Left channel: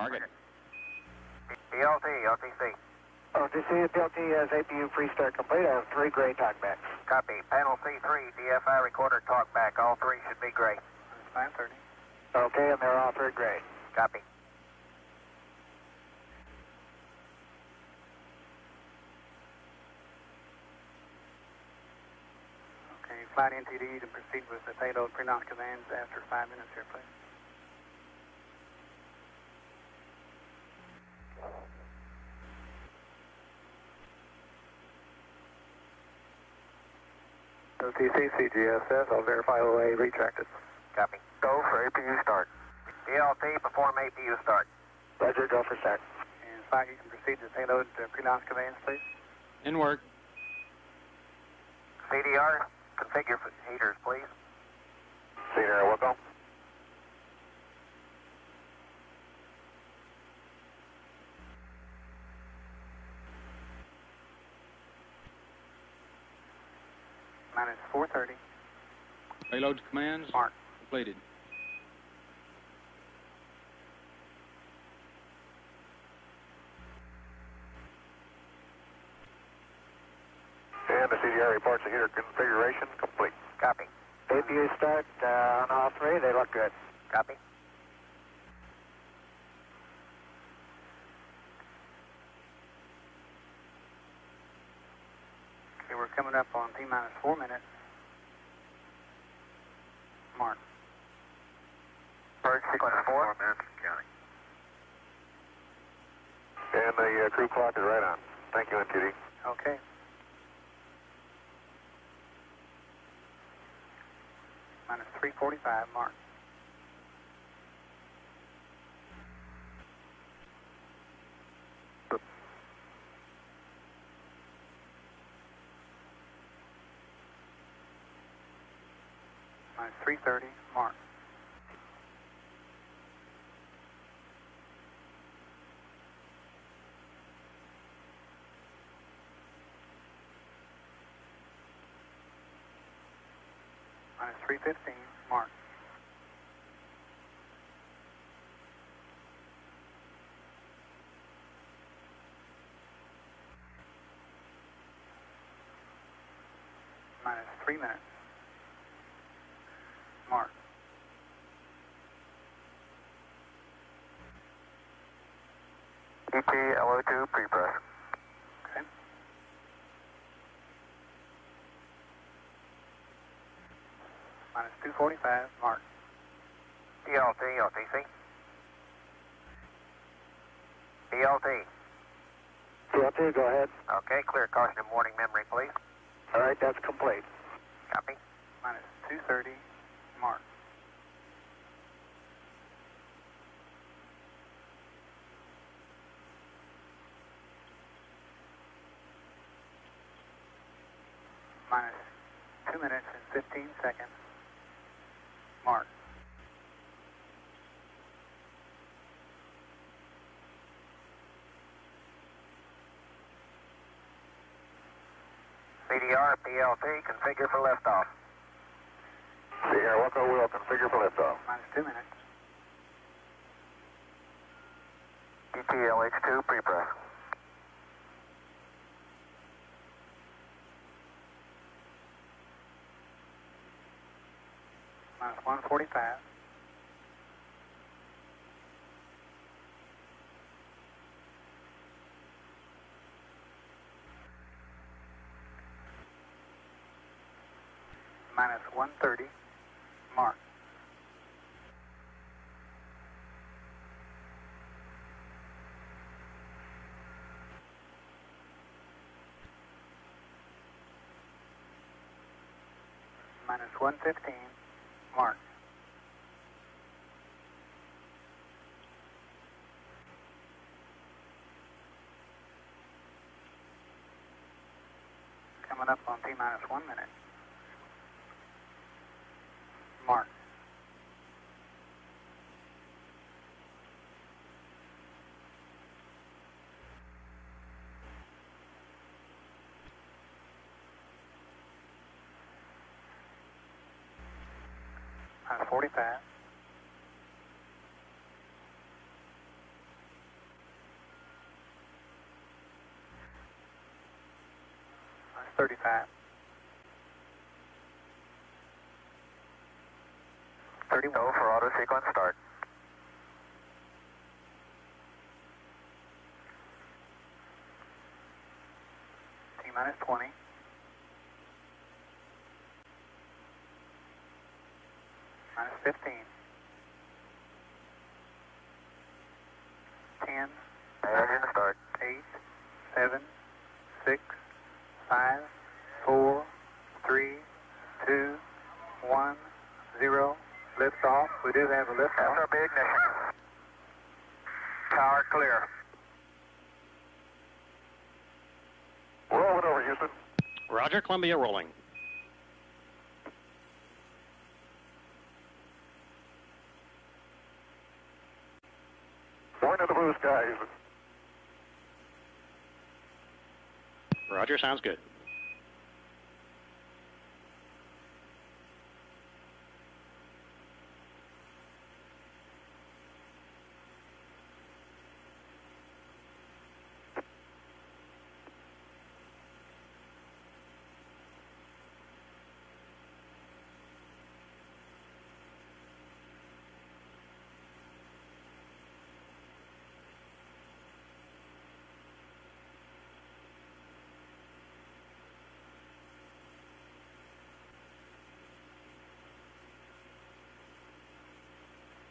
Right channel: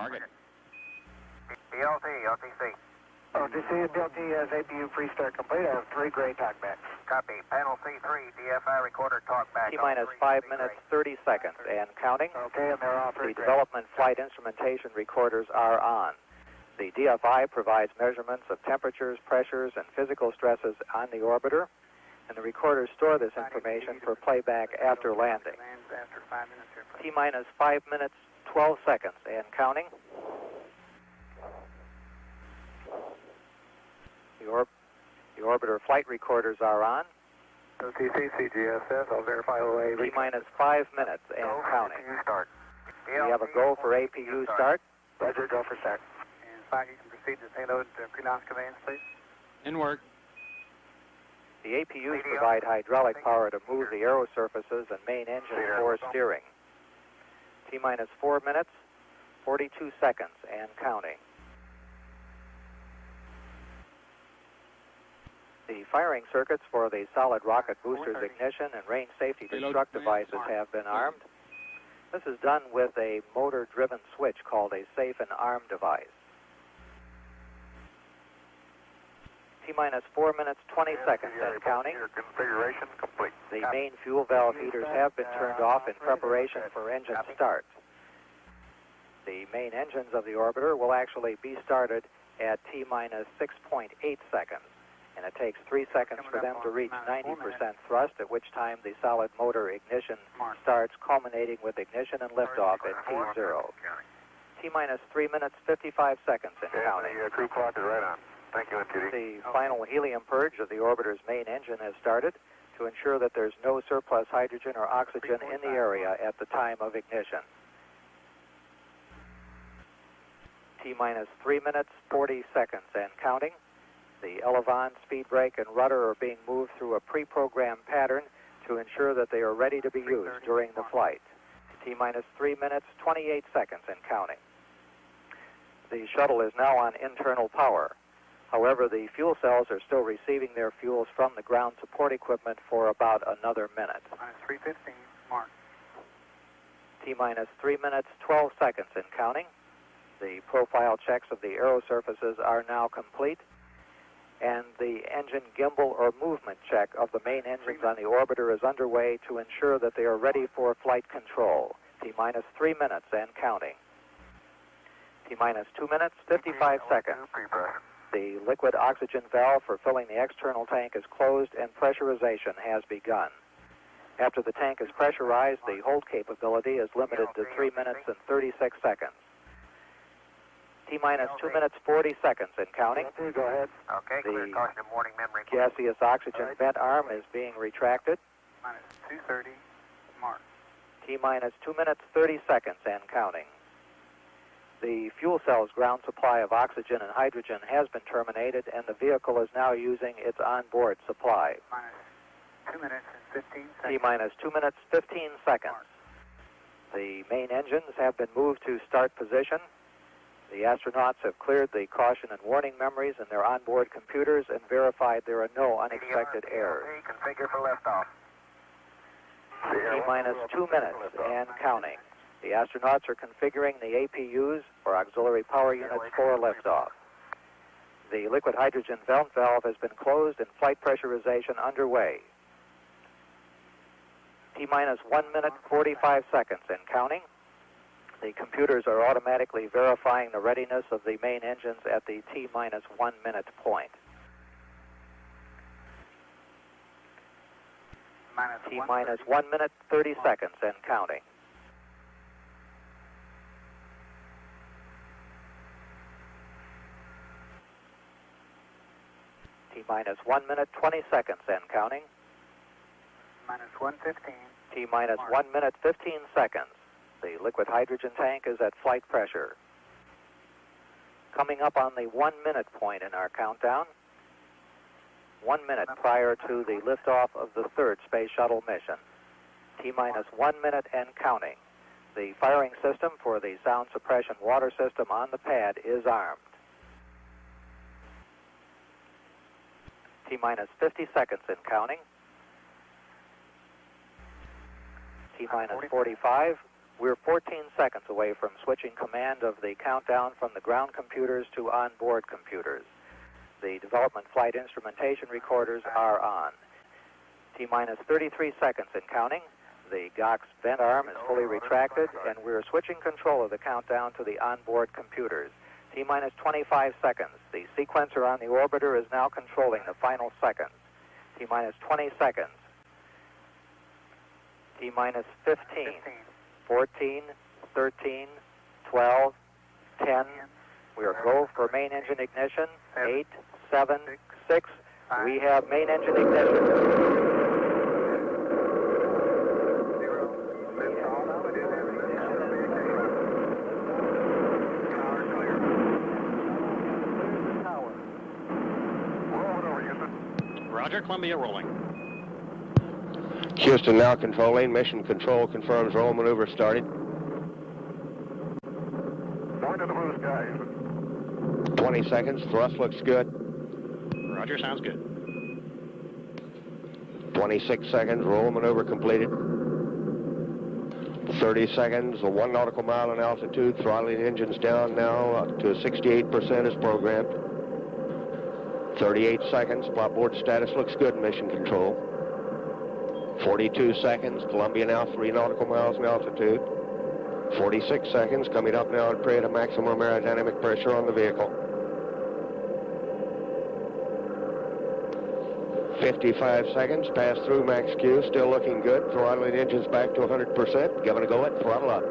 Target. BLT, OTC. OTC and BLT has APU pre-start complete. I have 3 gray talkbacks. Copy. Panel C3, DFI recorder talkback. All T-minus 3 5 should be gray. minutes, 30 seconds, and counting. Okay, and they're all The 3 gray. development flight instrumentation recorders are on. The DFI provides measurements of temperatures, pressures, and physical stresses on the orbiter, and the recorders store this information for playback after landing. After 5 minutes here, please. T-minus 5 minutes, 12 seconds, and counting. The orbiter flight recorders are on. OTC, CGSS, I'll verify OA. T-minus 5 minutes, and Go for counting. APU start. We have a go for APU start. Roger, go for start. And 5, you can proceed to payload pre-launch conveyance, please. In work. The APUs provide hydraulic power to move the aero surfaces and main engine for steering. T-minus 4 minutes, 42 seconds, and counting. The firing circuits for the solid rocket boosters ignition and range safety Payload destruct commands devices have been completed. armed. This is done with a motor-driven switch called a safe and arm device. T-minus 4 minutes, 20 seconds, and counting. Configuration complete. The main fuel valve heaters have been turned off in preparation for engine start. The main engines of the orbiter will actually be started at T-minus 6.8 seconds, and it takes 3 seconds for them to reach 90% thrust, at which time the solid motor ignition starts, culminating with ignition and liftoff at T0. T-minus 3 minutes, 55 seconds, and counting. the crew clock is right on. Thank you, MTD. The final helium purge of the orbiter's main engine has started to ensure that there's no surplus hydrogen or oxygen in the area at the time of ignition. T-minus 3 minutes, 40 seconds, and counting. The elevon, speed brake, and rudder are being moved through a pre-programmed pattern to ensure that they are ready to be used during the flight. T-minus 3 minutes, 28 seconds, and counting. The shuttle is now on internal power. However, the fuel cells are still receiving their fuels from the ground support equipment for about another minute. Minus 3:15, mark. T-minus 3 minutes, 12 seconds, and counting. The profile checks of the aero surfaces are now complete, and the engine gimbal or movement check of the main engines on the orbiter is underway to ensure that they are ready for flight control. T-minus 3 minutes and counting. T-minus 2 minutes, 55 seconds. The liquid oxygen valve for filling the external tank is closed and pressurization has begun. After the tank is pressurized, the hold capability is limited to 3 minutes and 36 seconds. T-minus 2 minutes, 40 seconds and counting. Go ahead. Okay, clear. Caution and warning memory, please. Gaseous oxygen vent arm is being retracted. Minus 2:30, mark. T-minus 2 minutes, 30 seconds and counting. The fuel cell's ground supply of oxygen and hydrogen has been terminated, and the vehicle is now using its onboard supply. Minus 2 minutes and 15 seconds. T-minus 2 minutes, 15 seconds. Mark. The main engines have been moved to start position. The astronauts have cleared the caution and warning memories in their onboard computers and verified there are no unexpected errors. PLT, configure for liftoff. T-minus 2 minutes and counting. The astronauts are configuring the APUs for auxiliary power units for liftoff. The liquid hydrogen vent valve has been closed and flight pressurization underway. T-minus 1 minute, 45 seconds and counting. The computers are automatically verifying the readiness of the main engines at the T-minus 1 minute point. T-minus 1 minute, 30 seconds and counting. T-minus 1 minute, 20 seconds and counting. Minus 1:15. T-minus 1 minute, 15 seconds. The liquid hydrogen tank is at flight pressure. Coming up on the 1 minute point in our countdown. 1 minute prior to the liftoff of the third Space Shuttle mission. T-minus 1 minute and counting. The firing system for the sound suppression water system on the pad is armed. T-minus 50 seconds and counting. T-minus 45. We're 14 seconds away from switching command of the countdown from the ground computers to onboard computers. The development flight instrumentation recorders are on. T-minus 33 seconds and counting. The GOX vent arm is fully retracted, and we're switching control of the countdown to the onboard computers. T-minus 25 seconds. The sequencer on the orbiter is now controlling the final seconds. T-minus 20 seconds. T-minus 15. 14, 13, 12, 10. We are low for main engine ignition. 8, 7, 6. We have main engine ignition. 3, 2, 1, 0. Lift off. We do have a lift off. SRB ignition. Tower clear. Rolling over, Houston. Roger, Columbia rolling. Houston now controlling. Mission control confirms roll maneuver started. Point to the blue sky, Houston. 20 seconds. Thrust looks good. Roger, sounds good. 26 seconds. Roll maneuver completed. 30 seconds. 1 nautical mile in altitude. Throttling engines down now up to 68% as programmed. 38 seconds. Flopboard status looks good. Mission control. 42 seconds. Columbia now 3 nautical miles in altitude. 46 seconds. Coming up now at period of maximum aerodynamic pressure on the vehicle. 55 seconds. Pass through max Q. Still looking good. Throttling engines back to 100%. Giving a go at throttle up.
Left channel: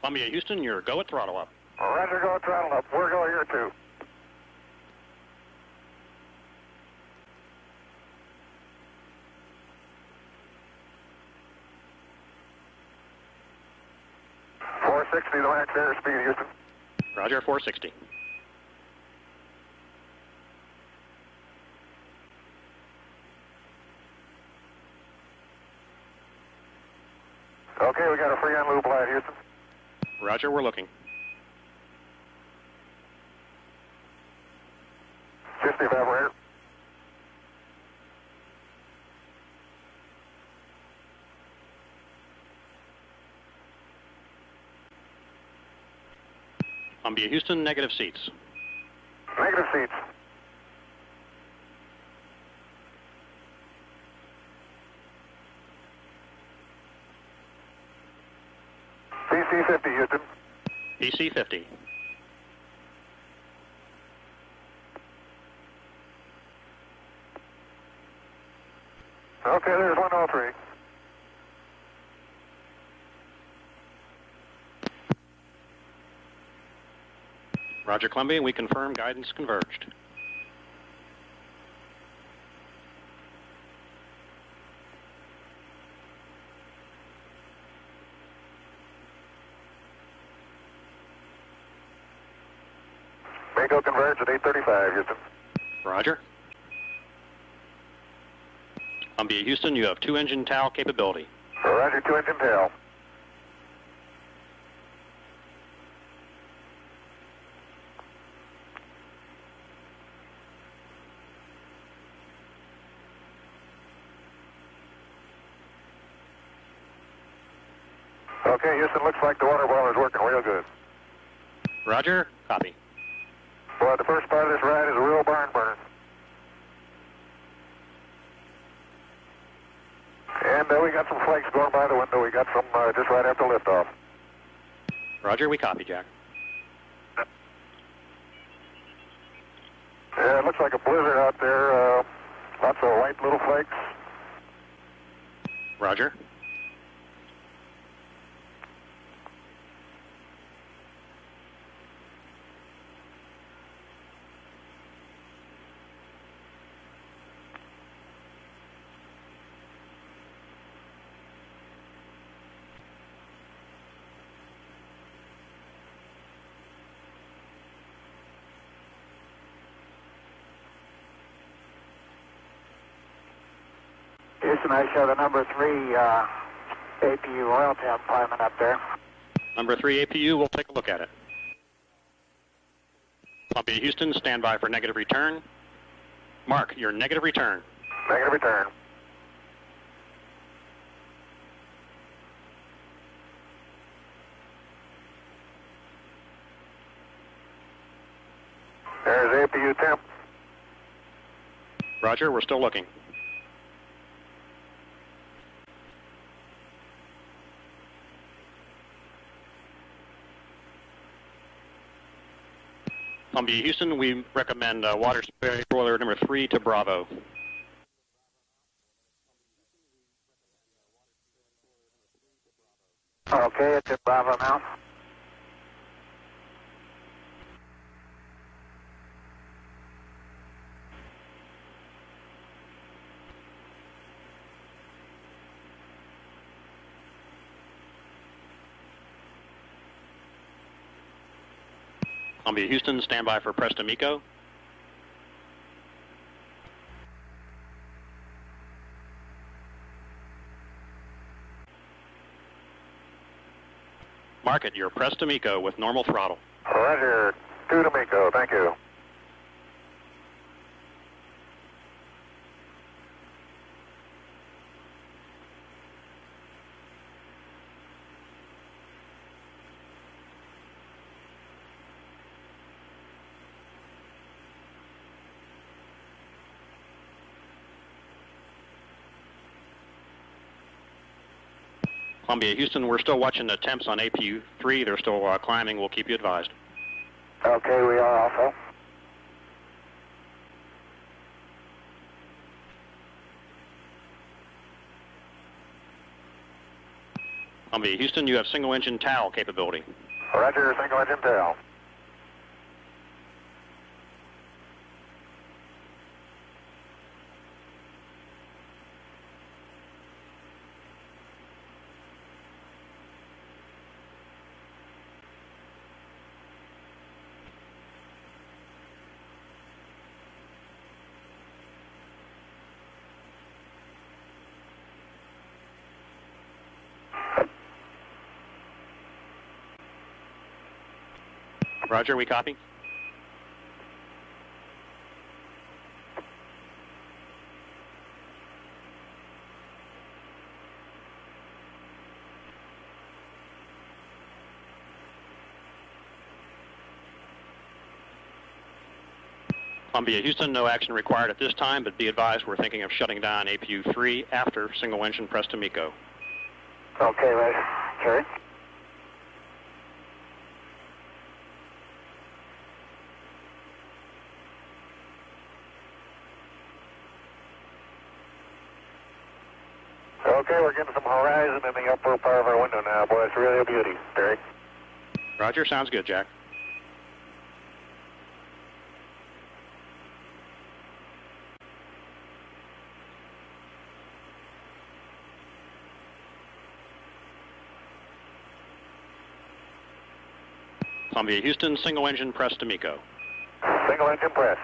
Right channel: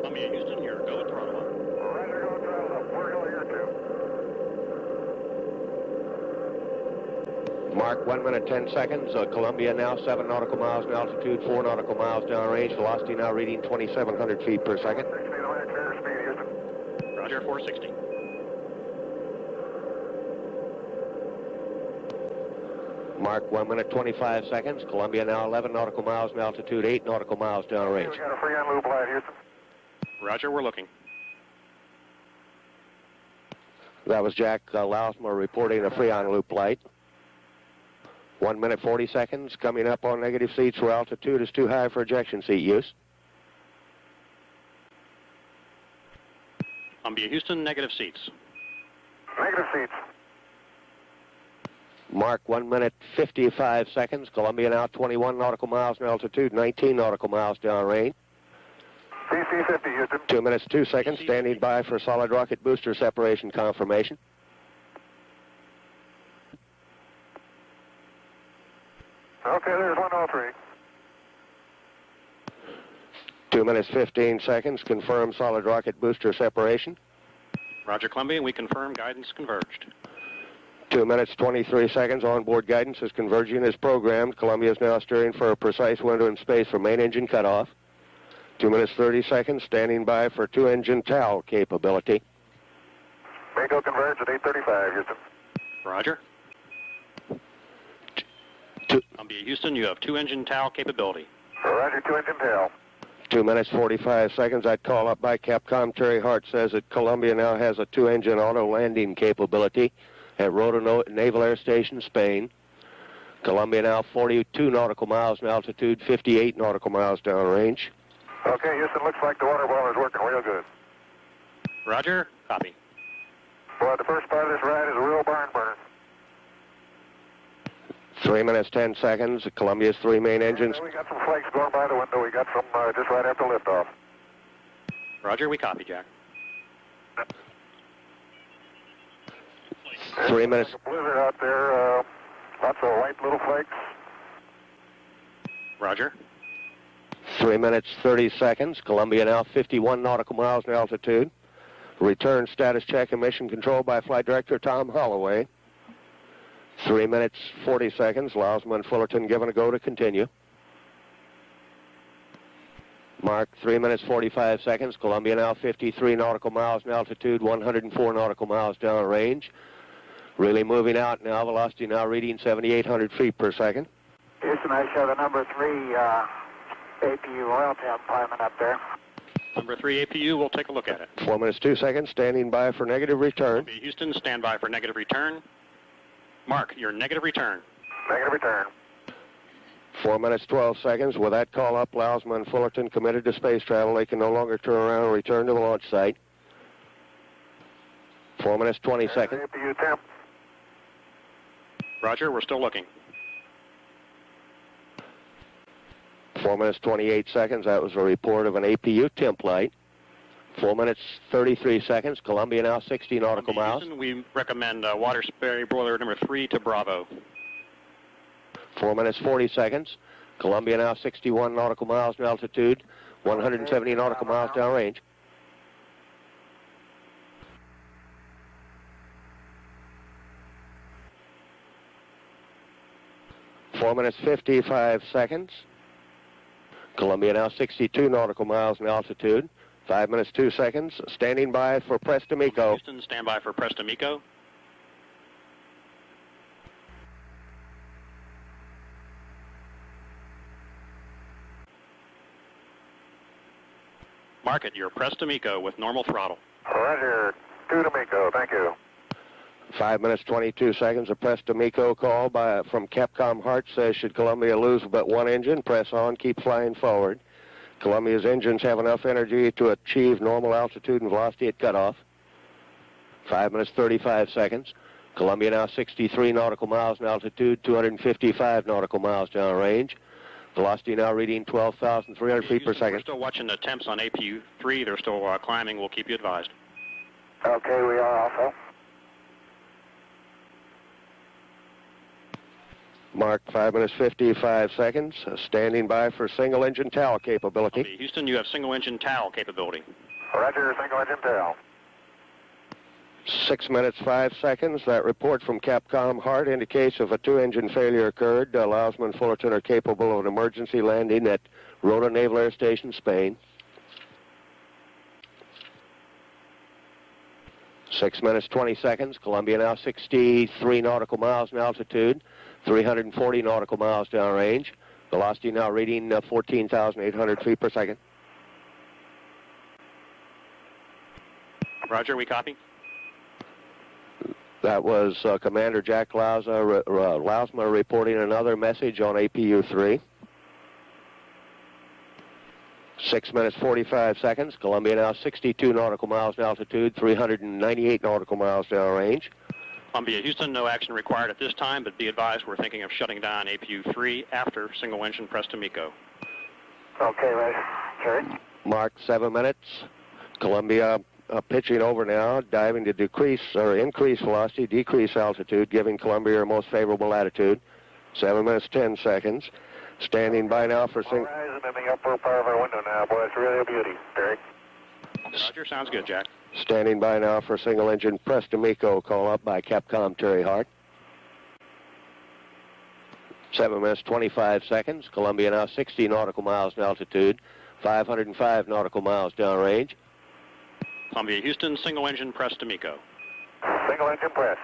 Columbia, Houston, you're go at throttle up. Roger, go throttle up. We're going here too. Mark 1 minute 10 seconds. Columbia now 7 nautical miles in altitude, 4 nautical miles downrange. Velocity now reading 2,700 feet per second. 460 the max airspeed, Houston. Roger, 460. Mark 1 minute 25 seconds. Columbia now 11 nautical miles in altitude, 8 nautical miles Okay, downrange. we got a free on loop light, Houston. Roger, we're looking. That was Jack Lousma reporting a free on loop light. 1 minute 40 seconds. Coming up on negative seats where altitude is too high for ejection seat use. Columbia, Houston, negative seats. Negative seats. Mark 1 minute 55 seconds. Columbia now 21 nautical miles in altitude, 19 nautical miles downrange. CC 50, Houston. 2 minutes 2 seconds. DC Standing 50. by for solid rocket booster separation confirmation. Okay, there's 103. 2 minutes 15 seconds. Confirm solid rocket booster separation. Roger, Columbia, we confirm guidance converged. 2 minutes 23 seconds. Onboard guidance is converging as programmed. Columbia is now steering for a precise window in space for main engine cutoff. 2 minutes 30 seconds. Standing by for 2-engine TAL capability. Bingo converge at 8:35, Houston. Roger. Columbia, Houston, you have 2-engine TAL capability. Roger, 2-engine tail. 2 minutes 45 seconds. I'd call up by Capcom. Terry Hart says that Columbia now has a 2-engine auto landing capability at Roto Naval Air Station, Spain. Columbia now 42 nautical miles in altitude, 58 nautical miles downrange. Okay, Houston, looks like the water boiler's working real good. Roger, copy. Boy, the first part of this ride is a real barn burner. 3 minutes 10 seconds. Columbia's 3 main engines. And we got some flakes going by the window. We got some just right after liftoff. Roger, we copy, Jack. Yeah, it looks like a blizzard out there. Lots of white little flakes. Roger. 3 minutes 30 seconds. Columbia now 51 nautical miles in altitude. Return status check and mission control by Flight Director Tom Holloway. 3 minutes 40 seconds. Lousma and Fullerton given a go to continue. Mark 3 minutes 45 seconds. Columbia now 53 nautical miles in altitude, 104 nautical miles downrange. Really moving out now. Velocity now reading 7,800 feet per second. Houston, I show the number 3 APU oil tank climbing up there. Number 3 APU, we'll take a look at it. 4 minutes 2 seconds. Standing by for negative return. Columbia, Houston, stand by for negative return. Mark, your negative return. Negative return. 4 minutes, 12 seconds. With that call up, Lousma and Fullerton committed to space travel. They can no longer turn around and return to the launch site. 4 minutes, 20 seconds. There's APU temp. Roger, we're still looking. 4 minutes, 28 seconds. That was a report of an APU temp light. 4 minutes, 33 seconds. Columbia now 60 nautical Columbia, miles. Houston, we recommend water spray boiler number 3 to Bravo. 4 minutes, 40 seconds. Columbia now 61 nautical miles in altitude, 170 nautical miles downrange. Four minutes, 55 seconds. Columbia now 62 nautical miles in altitude, 5 minutes, 2 seconds. Standing by for Preston Miko. Columbia, Houston, stand by for Preston Miko. Mark it, you're Preston Miko with normal throttle. Roger, 2 to Miko, thank you. 5 minutes, 22 seconds. A Preston Miko call from Capcom Hart says, should Columbia lose but one engine, press on, keep flying forward. Columbia's engines have enough energy to achieve normal altitude and velocity at cutoff. 5 minutes, 35 seconds. Columbia now 63 nautical miles in altitude, 255 nautical miles downrange. Velocity now reading 12,300 Columbia, feet per Houston, second. we're still watching the temps on APU 3. They're still climbing. We'll keep you advised. Okay, we are also. Mark 5 minutes, 55 seconds. Standing by for single engine TAL capability. Columbia, Houston, you have single engine TAL capability. Roger, single engine tail. 6 minutes, 5 seconds. That report from Capcom Hart indicates if a 2-engine failure occurred, Lousma and Fullerton are capable of an emergency landing at Rota Naval Air Station, Spain. 6 minutes, 20 seconds. Columbia now 63 nautical miles in altitude, 340 nautical miles downrange. Velocity now reading 14,800 feet per second. Roger, we copy. That was Commander Jack Lousma reporting another message on APU 3. 6 minutes, 45 seconds. Columbia now 62 nautical miles in altitude, 398 nautical miles downrange. Columbia, Houston, no action required at this time, but be advised we're thinking of shutting down APU 3 after single engine Preston Miko. Okay, right. Carry. Mark 7 minutes. Columbia pitching over now, diving to decrease or increase velocity, decrease altitude, giving Columbia her most favorable latitude. 7 minutes, 10 seconds. Standing by now for horizon in the upper part of our window now, boy. It's really a beauty. Terry. Roger, sounds good, Jack. Standing by now for single engine Preston Miko, call up by Capcom Terry Hart. 7 minutes, 25 seconds. Columbia now 60 nautical miles in altitude, 505 nautical miles downrange. Columbia, Houston, single engine Preston Miko. Single engine press.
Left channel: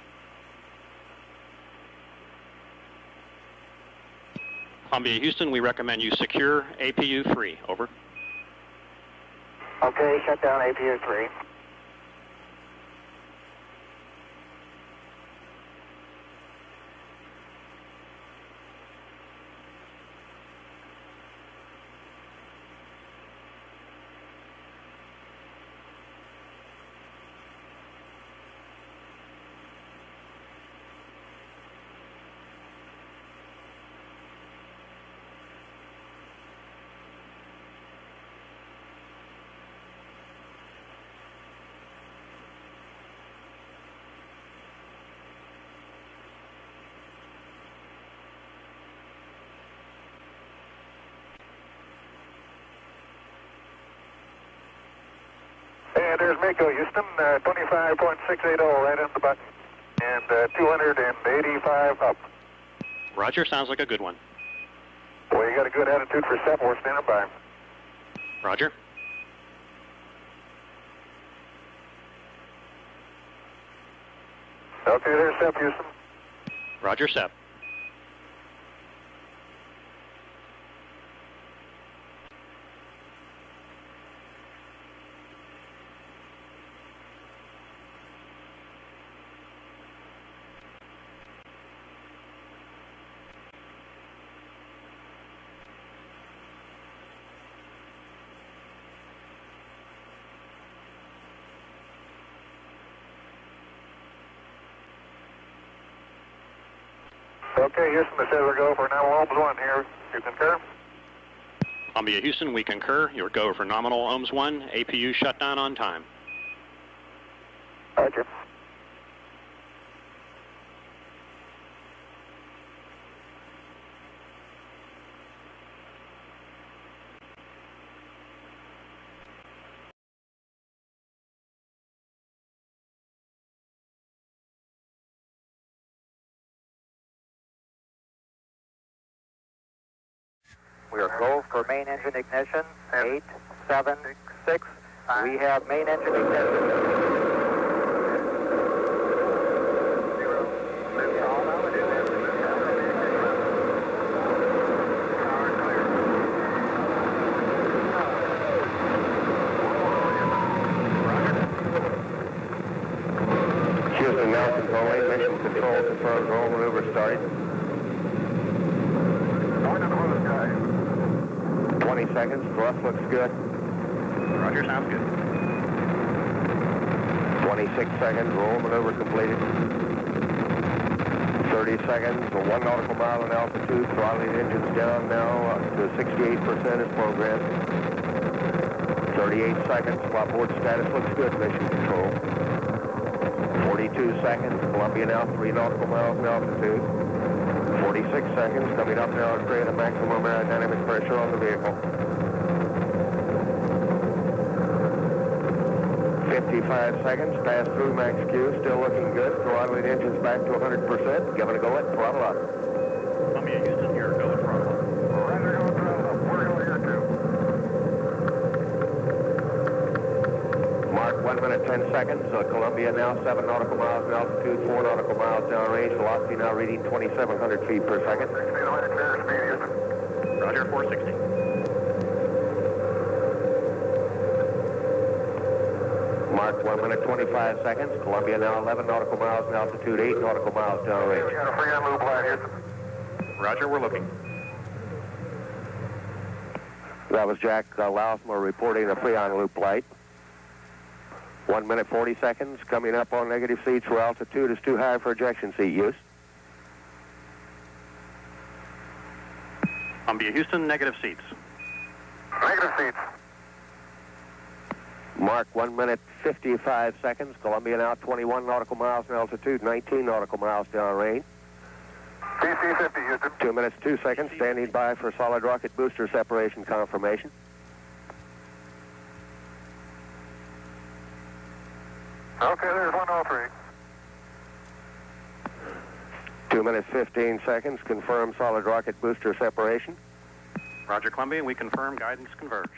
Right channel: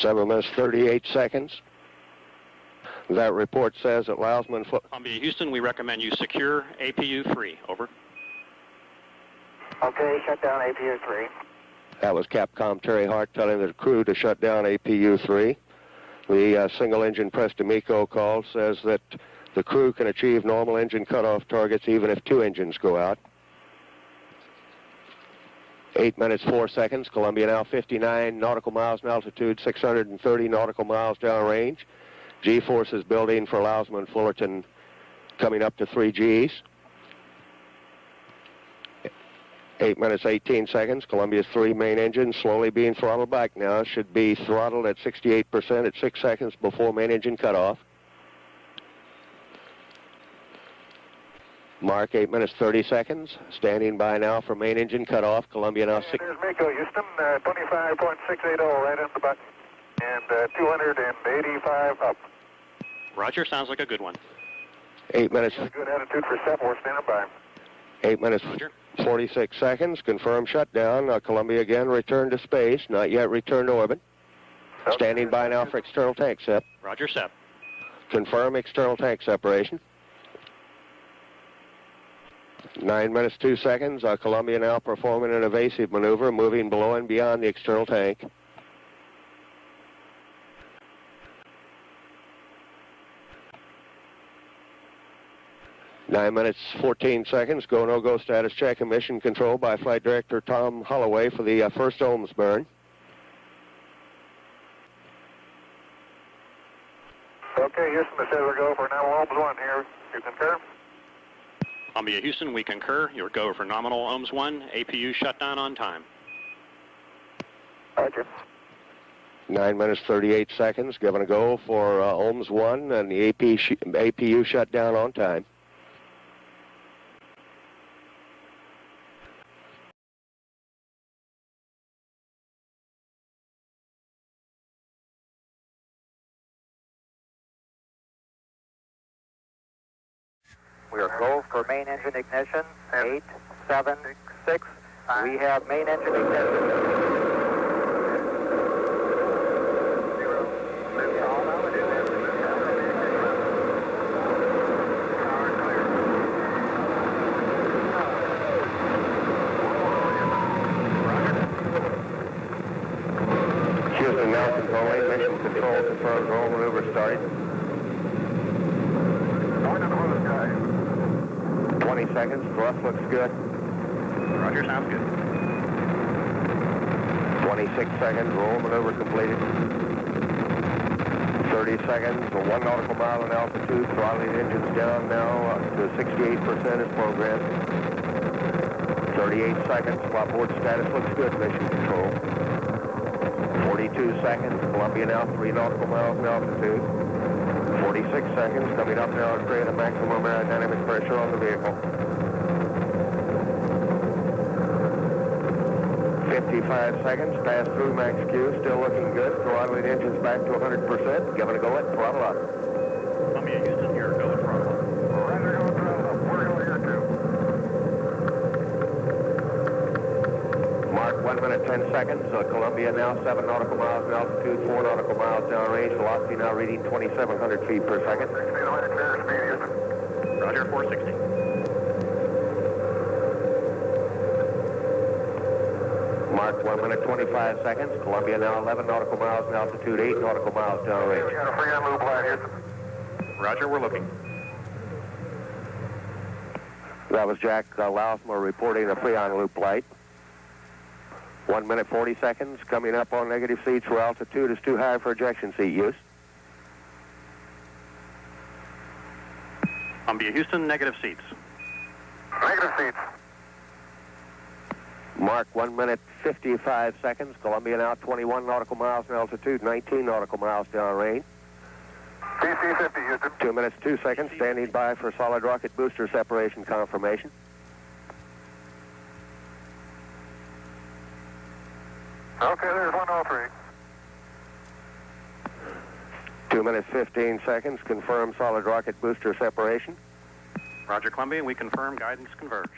7 minutes, 38 seconds. That report says that Lousma and Columbia, Houston, we recommend you secure APU 3. Over. Okay, shut down APU 3. That was Capcom Terry Hart telling the crew to shut down APU 3. The single engine Preston Miko call says that the crew can achieve normal engine cutoff targets even if 2 engines go out. 8 minutes, 4 seconds. Columbia now 59 nautical miles in altitude, 630 nautical miles downrange. G-forces building for Lousma and Fullerton coming up to 3 Gs. 8 minutes, 18 seconds. Columbia's 3 main engines slowly being throttled back now. Should be throttled at 68% at 6 seconds before main engine cutoff. Mark 8 minutes, 30 seconds. Standing by now for main engine cutoff. Columbia now... And there's Miko, Houston, 25.680 right on the button. And 285 up. Roger, sounds like a good one. 8 Well, minutes... you got a good attitude for 7. We're standing by. 8 minutes... Roger. 46 seconds. Confirmed shutdown. Columbia again returned to space. Not yet returned to orbit. Okay, Standing there's by Sep, now for Houston. external tank sep. Roger, Sep. Confirm external tank separation. 9 minutes, 2 seconds. Columbia now performing an evasive maneuver, moving below and beyond the external tank. 9 minutes, 14 seconds. Go, no-go status check and mission control by Flight Director Tom Holloway for the first ohms burn. Okay, Houston, this says we're go for now ohms 1 here. You concur? Columbia, Houston, we concur. Your go for nominal ohms 1. APU shutdown on time. Roger. 9 minutes, 38 seconds. Given a go for ohms 1 and the APU shut down on time. We are go for main engine ignition. 8, 7, 6. We have main engine ignition. Houston, now controlling. Mission control confirms roll maneuver started. 20 seconds. Thrust looks good. Roger, sounds good. 26 seconds. Roll maneuver completed. 30 seconds. 1 nautical mile in altitude. Throttling engines down now to 68% as programmed. 38 seconds. Flopboard status looks good. Mission control. 42 seconds. Columbia now 3 nautical miles in altitude. 46 seconds. Coming up now to create a maximum aerodynamic pressure on the vehicle. 55 seconds. Pass through max Q. Still looking good. Throttling engines back to 100%. Give it a go at throttle up. Columbia, Houston, your go at throttle up. Roger, go throttle up. We're going here too. Mark 1 minute 10 seconds. Columbia now 7 nautical miles in altitude, 4 nautical miles downrange. Velocity now reading 2,700 feet per second. 60 line clear speed, Houston. Roger, 460. Mark 1 minute 25 seconds. Columbia now 11 nautical miles in altitude, 8 nautical miles We downrange. got a free on loop line, Houston. Roger, we're looking. That was Jack Lousma reporting a free-on loop light. 1 minute 40 seconds. Coming up on negative seats where altitude is too high for ejection seat use. Columbia, Houston, negative seats. Negative seats. Mark 1 minute 55 seconds. Columbia now 21 nautical miles in altitude, 19 nautical miles downrange. PC 50, Houston. 2 minutes 2 seconds. Standing by for solid rocket booster separation confirmation. Okay, there's 103. 2 minutes 15 seconds. Confirm solid rocket booster separation. Roger, Columbia, we confirm guidance converged.